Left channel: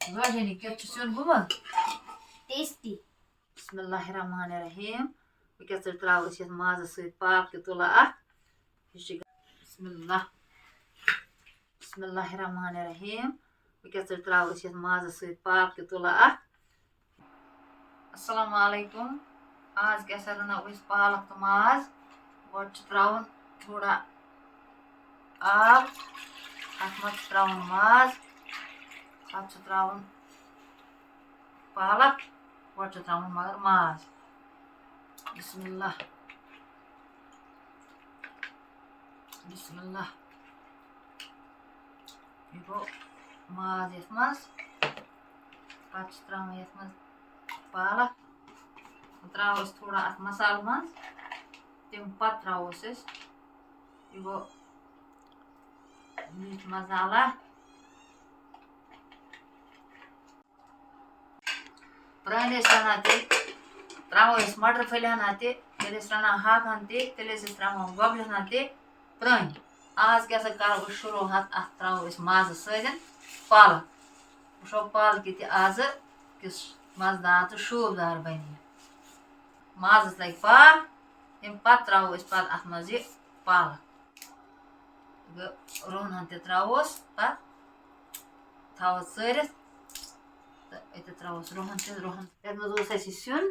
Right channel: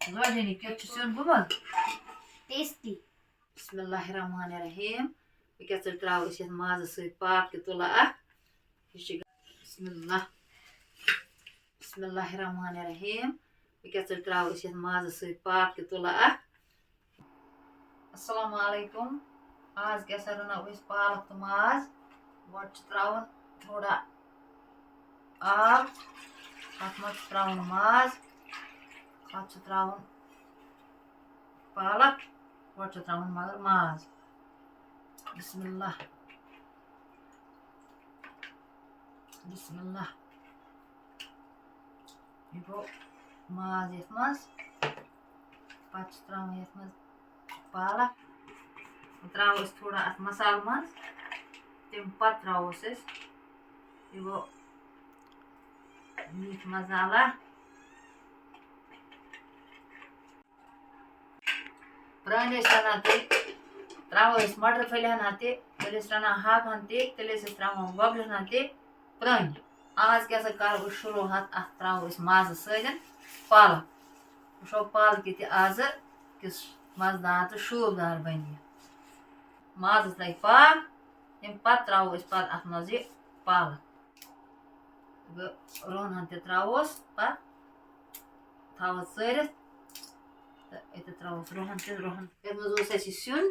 Rajani ketchup gumad. Tasty. Bismillahirrahmanirrahim. Bu kesir travus yet mazı sıyıp pak tula ak. Bismillah. Bismillahirrahmanirrahim. Bu kesir travus yet mazı sıyıp pak tula ak. Assalamu alaikum. आज कैसा रना इस पालक तो माज गोट त्राउन थोड़ा आब अत मत त्राउन माज अत त्राउन पालक गोट त्राउन मगर माज बिस्मिल्लाह बिस्मिल्लाह ये गो माज यथ मज पत त्राउन यथ मज पालक त्रावस थोड़ा अत मसाल मज तम पत त्रावस यह गो मीट मसाला प्रान रना त्रावस मटर फल हना तेल रना हाकन तेल त्रा गबल हना प्रान आज क्या कर शुरू अत त्रो मज सदन पालक वो पालक आज किस मजदार तो शोबदार बन माजस लग पाक तम पत त्रो अत मज पालक रोहन त्रोस पत थवस चरित तो त्रोस रोहन रोहन ये मज सिन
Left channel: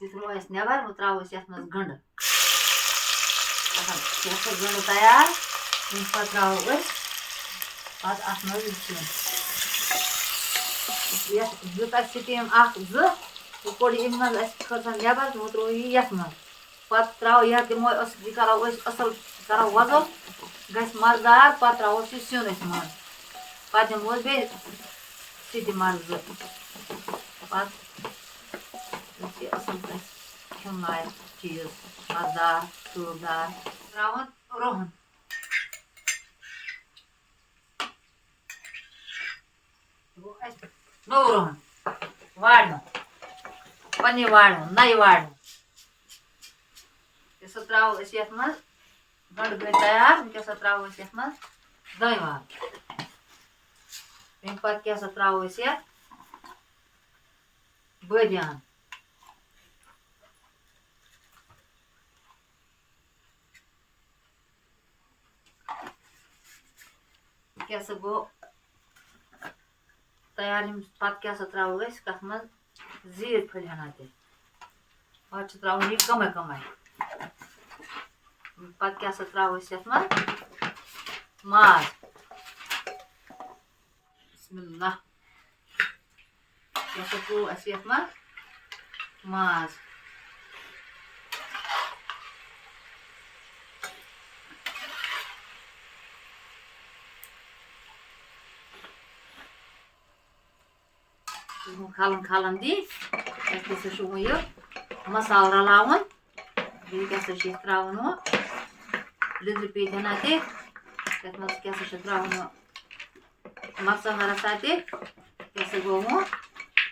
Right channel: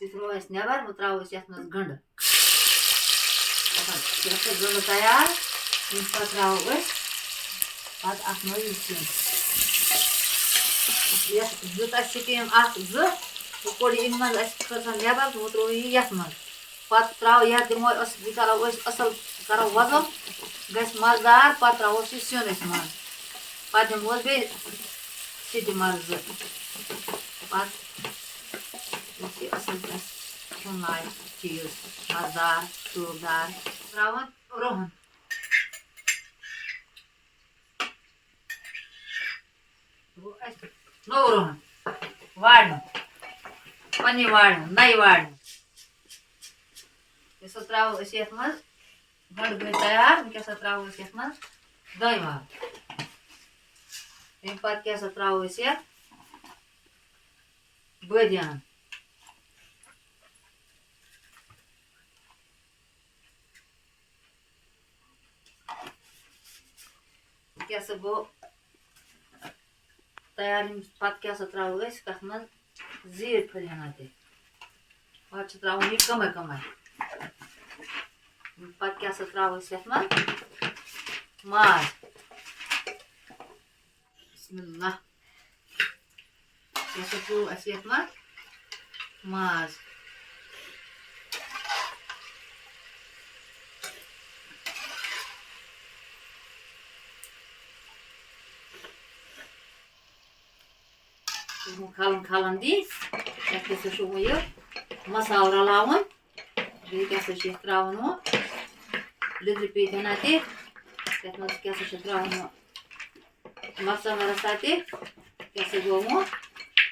त्रो नबर वो त्रोस ये मज गंड गंड तैयार पे त्रो पत अत मज सिन दुत स्टीम वो कोड़ इन मज खसन नबर वो त्रो ये मज पत त्रो यह दिमो करो असल करो वजल गस मजदार पत त्रो सिन मज पत दिमो बे सीटी मज पत असल खेन लायक चीज मजदार शोबदार त्रावन रोहन नो रोहन वाड़ पन्नी वाड़ नई वाड़ सो त्रो ये मज गंड गई तैयार वह त्रो ये मज दही वाल तम पे क्या त्रो ये बदियान क्या गो तैयार पे क्या त्रो कत मज जीर फल हना पे त्रो यह कम कम पे क्या त्रो ये मज माज बिस्मिल्लाह क्या पू ये मज माज खालन खालन दी यह मसाल रलावन क्या त्रावन वो लिद्र पीत हना क्या त्रावन मरचांग रसा क्या गो वो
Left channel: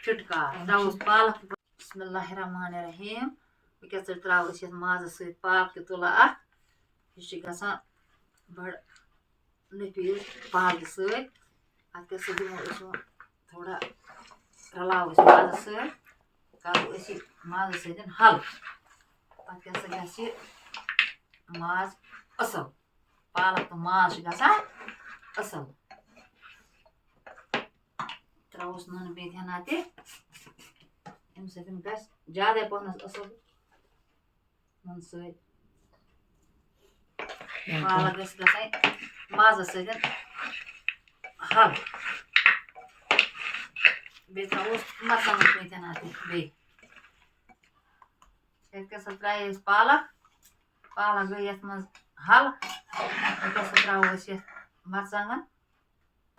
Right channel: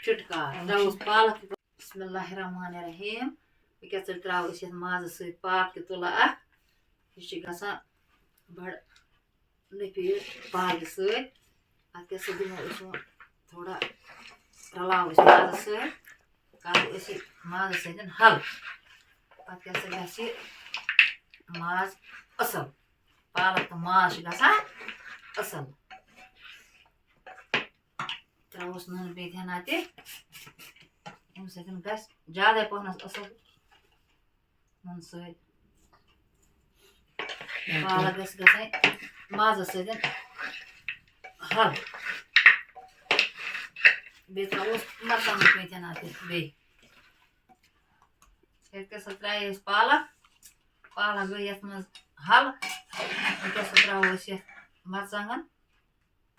छुटकार त्रोस पालक बिस्मिल्लाहिर्रहमानिर्रहीम क्या त्रोस ये मज पाक तुला यह गसान बड़ नफी पालक सत दिमो थोड़ा रलाव मज करो मज सदन हल पे क्या मज असल पालक तो मज गसान असल त्रोस नन पे हना अम सदन ग ज्यादा पहनस असल नन पालक गसान मज सदन हल बे त्रोस मरचांग पे हना बे क्या त्रे पालक पालक गई ये मज हल क्या त्रोस ये मरचांग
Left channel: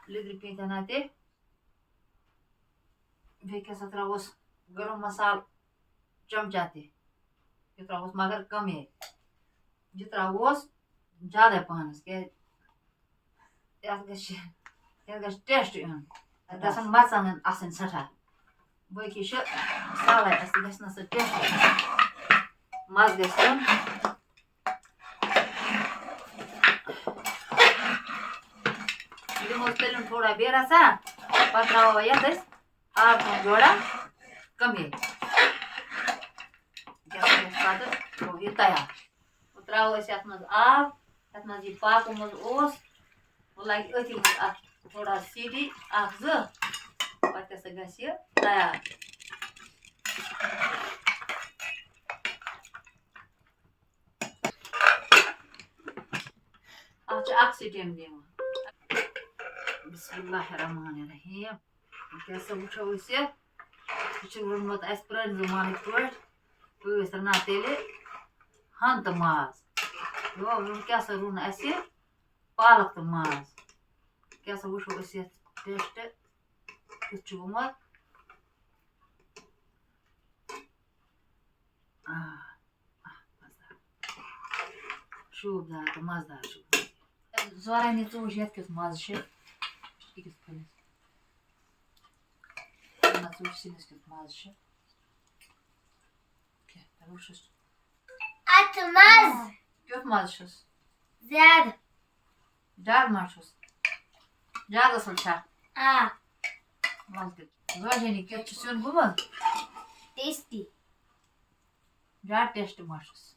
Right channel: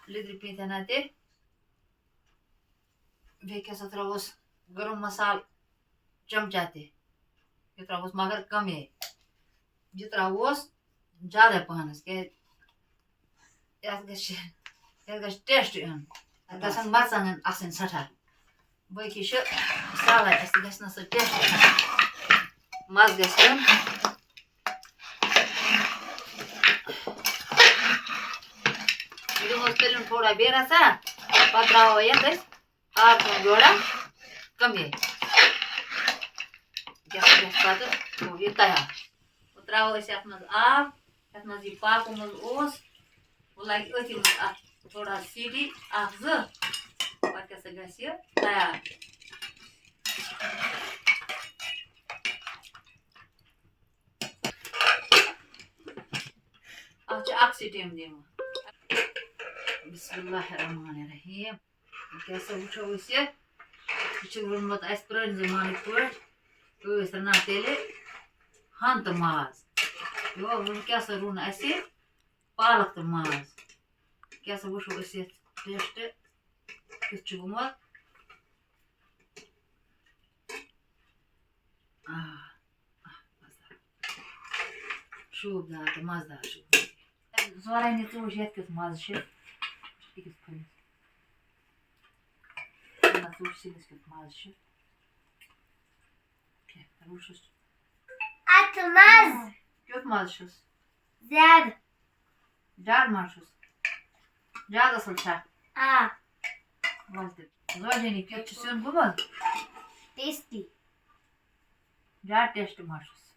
लिद्र पे हना बे क्या त्रोस गरम मसाल चमचा यह त्रोस मगर कम यह त्रोस ज्यादा पहनस क्या टेस्ट इन गसन मरचांग आसन सठा बी साल गस टेस्ट मज ग थोड़ा बेरसा पे त्रो ये आब जोड़ा कमी ये तैयार त्रो अत आब ये मज पाक मज लगे अथी मज थोड़ा सीटी जो पे तैयार अख सीटी दिन बिस्मिल्लाहिर्रहमानिर्रहीम क्या वो यह रोनमुत पुरान जमाने पे रना तेले हन तो माज क्या रुन पालक तो माज क्या वो टेस्ट कुछ गुमत शूबदार तो मजदार जोरानी चूज ये मज फलिस सिनिस मज क्युत मज ज्यादा ज्यादा मज ज्यादा असल जोरानी क्या सुन गुमत टेस्टी ज्यादा टेस्ट मज